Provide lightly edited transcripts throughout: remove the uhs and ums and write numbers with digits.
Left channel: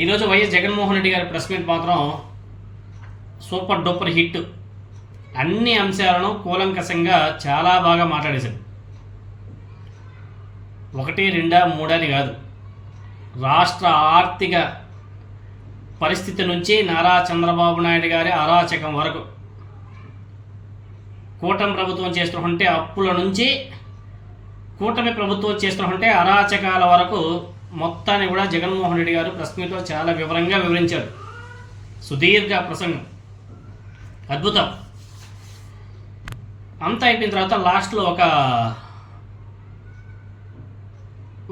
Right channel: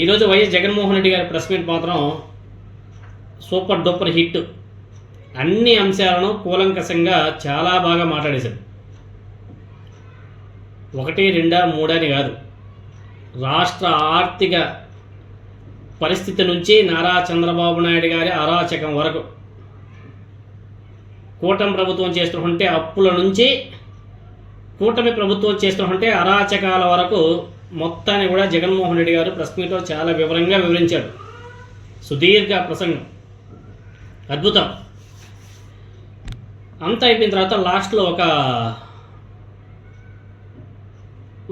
ఈరోజు వైఎస్ జగన్మోహన్ రెడ్డి గారి press meet మాత్రం సూపర్ డూపర్ హిట్. అన్ని అంశాలను కూలంకషంగా చాలా బాగా మాట్లాడేశారు. 1, 2, 3 అని కాదు, రాష్ట్ర ఆర్థిక పరిస్థితి నుంచి నారా చంద్రబాబు నాయుడు గారి అరాచకం వరకు, కూటమి ప్రభుత్వం చేస్తుంటే అప్పుల నుంచి కూటమి ప్రభుత్వం చేస్తుంటే అరాచకాల వరకు మొత్తాన్ని కూడా జగన్మోహన్ రెడ్డి గారు ప్రెస్ మీట్లో చాలా వివరంగా వివరించారు. సుదీర్ఘ ప్రసంగం, అద్భుతం. అంతా అయిపోయిన తర్వాత లాస్ట్లో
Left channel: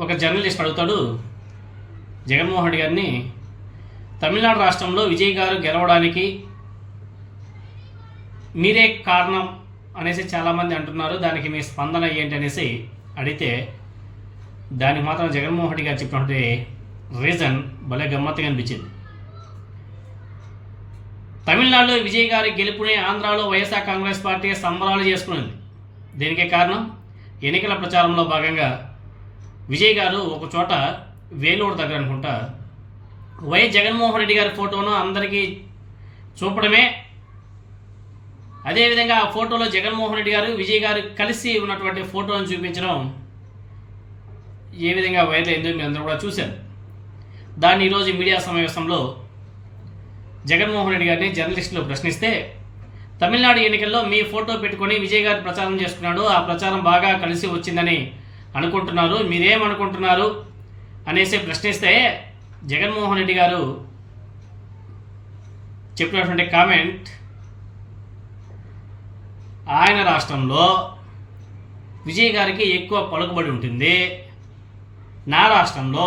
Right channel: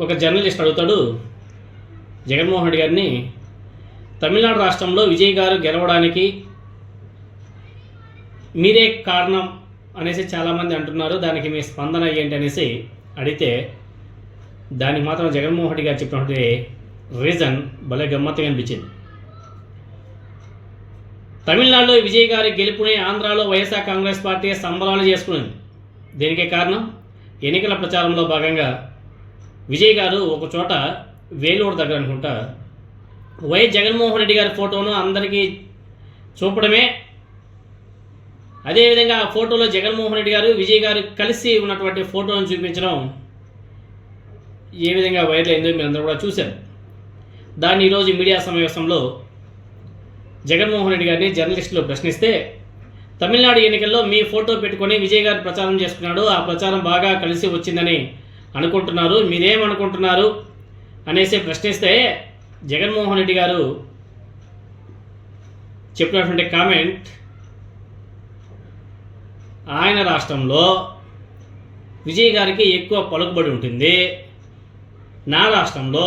ఒక జర్నలిస్ట్ అడుగుతాడు జగన్మోహన్ రెడ్డి గారిని, తమిళనాడు రాష్ట్రంలో విజయ్ గారు గెలవడానికి మీరే కారణం అనేసి చాలామంది అంటున్నారు, దానికి మీ స్పందన ఏంటి అనేసి అడిగితే, దానికి మాత్రం జగన్మోహన్ రెడ్డి గారు చెప్పినటువంటి రీజన్ భలే గమ్మత్తుగా అనిపించింది. తమిళనాడులో విజయ్ గారి గెలుపుని ఆంధ్రాలో వైఎస్ఆర్ కాంగ్రెస్ పార్టీ సంబరాలు చేసుకునింది. దీనికే కారణం, ఎన్నికల ప్రచారంలో భాగంగా విజయ్ గారు ఒక చోట వేలూరు దగ్గర అనుకుంటా వైఎస్ జగన్మోహన్ రెడ్డి గారి ఫోటోను అందరికీ చూపడమే, అదేవిధంగా ఆ ఫోటోలో జగన్మోహన్ రెడ్డి గారు విజయ్ గారు కలిసి ఉన్నటువంటి ఫోటోను చూపించడం ఏ విధంగా వైరల్ అయిందో మీరు అందరూ కూడా చూశారు. దాన్ని ఈరోజు మీడియా సమావేశంలో జగన్మోహన్ రెడ్డి గారిని జర్నలిస్టులు ప్రశ్నిస్తే, తమిళనాడు ఎన్నికల్లో మీ ఫోటో పెట్టుకొని విజయ్ గారు ప్రచారం చేసుకున్నాడు, ఆ ప్రచారం బాగా కలిసి వచ్చిందని అనుకుంటున్నారు, మీరేమనుకుంటున్నారు అనేసి ప్రశ్నిస్తే, జగన్మోహన్ రెడ్డి గారు చెప్పినటువంటి కామెంట్, ఆయన రాష్ట్రంలో విజయ్ గారికి ఎక్కువ పలుకుబడి ఉంటుంది, నా రాష్ట్రంలో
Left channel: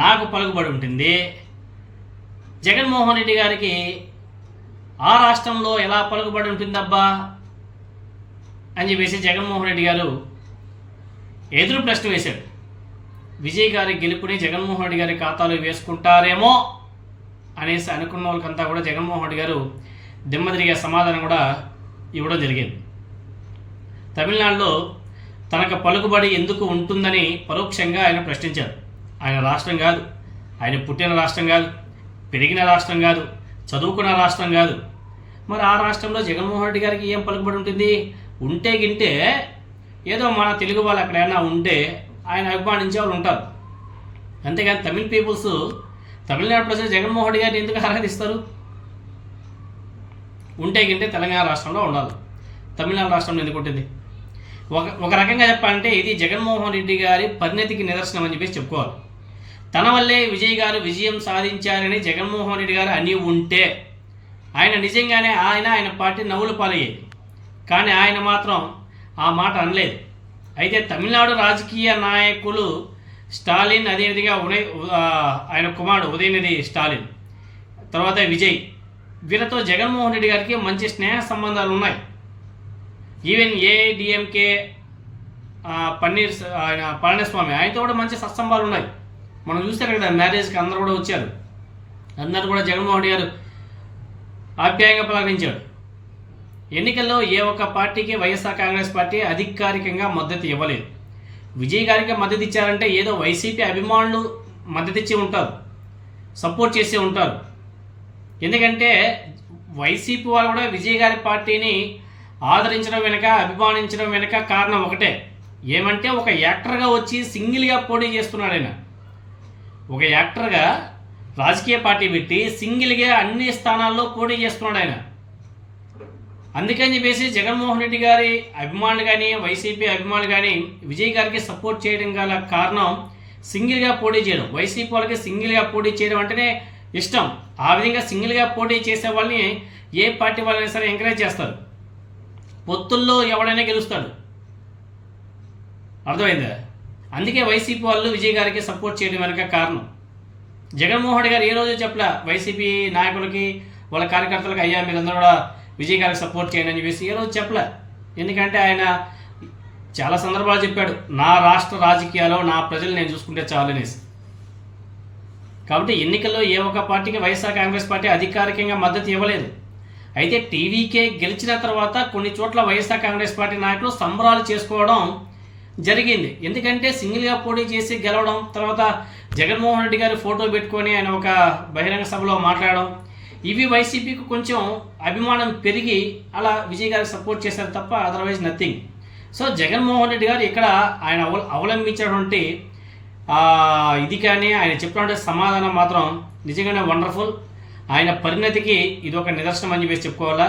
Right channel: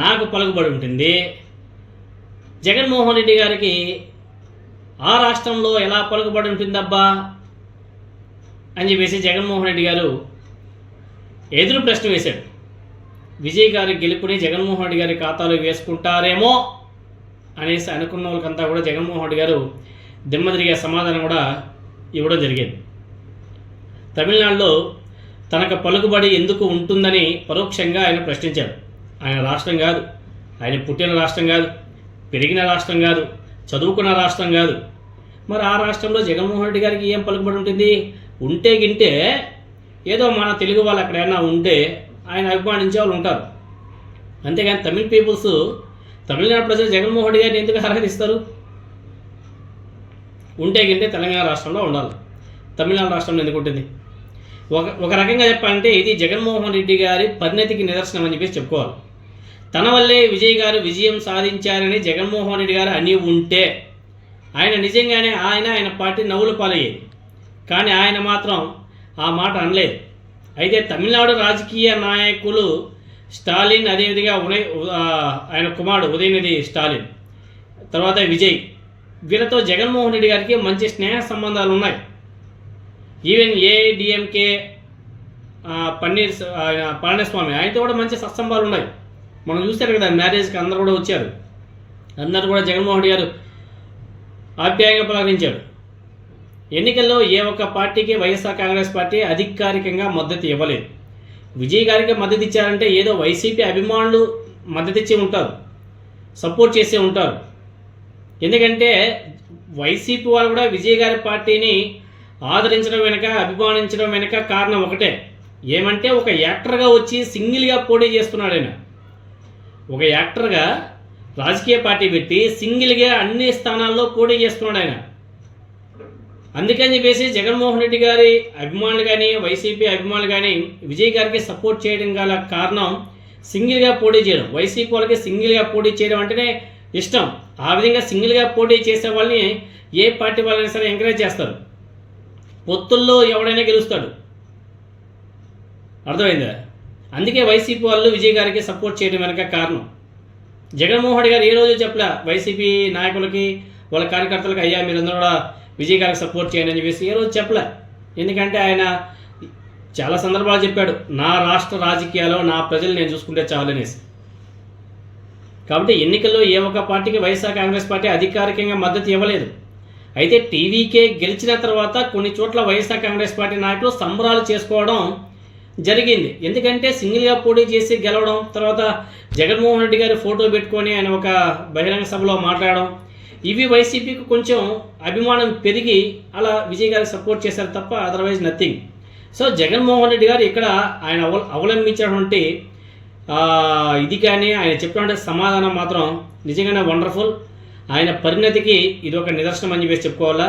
నాకు పలుకుబడి ఉంటుంది, జగన్మోహన్ రెడ్డి గారికి ఆ రాష్ట్రంలో ఎలా పలుకుబడి ఉంటుందబ్బా అని చెప్పేసి జగన్మోహన్ రెడ్డి గారు ఎదురు ప్రశ్న వేశాడు. విజయ్ గారి గెలుపుని జగన్మోహన్ రెడ్డి గారి ఖాతాలో వేసుకుంటారేమో అనేసి అనుకున్న వాళ్ళకంతా కూడా జగన్మోహన్ రెడ్డి గారు దిమ్మదిరిగే సమాధానం కూడా ఇవ్వడం జరిగింది. తమిళనాడులో తనకు పలుకుబడి ఎందుకు ఉంటుందని పరోక్షంగా ఆయన ప్రశ్నించారు. ఆయన రాష్ట్రం కాదు, ఆయన పుట్టిన రాష్ట్రం కాదు, పెరిగిన రాష్ట్రం కాదు, చదువుకున్న రాష్ట్రం కాదు. మరి ఆ రాష్ట్రంలో జగన్మోహన్ రెడ్డి గారికి ఏం పలుకుబడి ఉంటుంది? ఉంటే గింటే ఏదో మన తెలుగు వాళ్ళు ఎక్కడైనా ఉంటే ఆయన అభిమానించే వాళ్ళు ఉంటారు. అంతేగాని తమిళనాడు ప్రజలు జగన్మోహన్ రెడ్డి గారిని ఎందుకు ఆరాధిస్తారు? ఉంటే గింటే తెలంగాణ రాష్ట్రంలో ఉండాలి, తమిళనాడు రాష్ట్రంలో ఎందుకు ఉంటుంది? ఒక రకంగా చెప్పాలంటే ఇది జగన్మోహన్ రెడ్డి గారి పరిణతికి నిదర్శనం అని చెప్పేసి చెప్పుకోవాలి. తన వల్లే విజయ్ గారు విజయం సాధించారని జగన్మోహన్ రెడ్డి గారు అని ఉంటే ఆయన నిజంగానే ఆయన పార్టీ నవ్వుల పాలయ్యేది. కానీ ఆయన మాత్రం ఆ మాట అనలేదు. అయితే తమిళనాడు రాజకీయ నాయకులు స్టాలిన్, అదేవిధంగా ఆయన కుమారుడు ఉదయనిధి స్టాలిన్, తర్వాత విజయ్, వీళ్ళతో జగన్మోహన్ రెడ్డి గారికి మంచి స్నేహ సంబంధాలు ఉన్నాయి. ఈవెన్ ఏఐడిఎంకే పళనిస్వామి ఆయనతో కూడా మంచి సత్సంబాలు ఉన్నాయి. మనం చూస్తారు కదా, మ్యారేజ్కి అందరూ కూడా వచ్చారు, అందరూ కూడా జగన్మోహన్ రెడ్డి గారు ఆప్యాయంగా పలకరించాడు. ఎన్నికల్లో ఏ ఒక్క పార్టీకి వైఎస్ఆర్ కాంగ్రెస్ పార్టీ అధికారికంగా మద్దతు ఇవ్వలేదు. విజయ్ గారికి మద్దతు ఇచ్చారంటే ఏదో వైసీపీ అభిమానులు మద్దతు ఇచ్చి ఉంటారు, సపోర్ట్ చేసి ఉంటారు. ఎందుకంటే వైసీపీ వాళ్ళు కూడా విజయ్ గారి పార్టీని ఆదరించడం వెనుక, అభిమానించడం వెనుక కారణం ఒకటే, ఏమంటే ఒక యాక్టర్గా వచ్చి సింగిల్గా పోటీ చేస్తున్నాడు ఆయన. ఒక యాక్టర్గా రాజకీయ పార్టీ పెట్టి సింగిల్గా అన్ని స్థానాల్లో పోటీ చేస్తున్నాడు ఆయన. అందుకని చెప్పేసి జగన్మోహన్ రెడ్డి గారి అభిమానులు కానీ, వైసీపీ అభిమానులు కానీ విజయ్ గారికి సపోర్ట్ చేయడం గల కారణం సింగిల్గా పోటీ చేయడం. వైసీపీ వాళ్ళకి సింగిల్గా పోటీ చేయడం అంటేనే ఇష్టం. ఆ విధంగా సింగిల్గా పోటీ చేసే వాళ్ళని ఏ పార్టీ వాళ్ళైనా సరే ఎంకరేజ్ చేస్తారు. పొత్తుల్లో ఎవడైనా గెలుస్తాడు, అర్థమైందా? అందుకే వైసీపీ వాళ్ళు విజయ్ గారికి సపోర్ట్ చేయడం వెనక కారణం. జగన్మోహన్ రెడ్డి గారు ఏ రోజు చెప్పలే వైసీపీ నాయకులకి, వాళ్ళ కార్యకర్తలకు, అయ్యా మీరందరూ కూడా విజయ్ గారికి సపోర్ట్ చేయండి అని చెప్పేసి ఏ రోజు చెప్పలే. ఎందుకంటే ఆయన చాలా సందర్భాలు చెప్పాడు, నా రాష్ట్ర రాజకీయాల్లో నా ప్రజలు నేను చూసుకుంటే చాలు అనేసి. కాబట్టి ఎన్నికల్లో ఏ ఒక్క పార్టీకి వైఎస్ఆర్ కాంగ్రెస్ పార్టీ అధికారికంగా మద్దతు ఇవ్వలేదు. అయితే టీవీకే గెలిచిన తర్వాత కొన్ని చోట్ల వైఎస్ఆర్ కాంగ్రెస్ పార్టీ నాయకులు సంబరాలు చేసుకోవడం జరిగింది. ఎందుకంటే సింగిల్గా పోటీ చేసి గెలవడం, తర్వాత జగన్మోహన్ రెడ్డి గారి ఫోటో పెట్టుకొని ఆయన ఒక బహిరంగ సభలో మాట్లాడడం, ఇవి వైసీపీకి కొంచెం అభిమానం పెరిగి అలా విజయ్ గారికి సపోర్ట్ చేశారు తప్ప otherwise nothing. So Jaganmohan Reddy గారు ఇక్కడ ఆయన అవలంబించినటువంటి ఇది కానీ ఆయన చెప్పినటువంటి సమాధానం మాత్రం నిజంగానే వండర్ఫుల్. ఆయన పరిణతికి ఇది ఒక నిదర్శనం అని చెప్పేసి చెప్పుకోవాలా.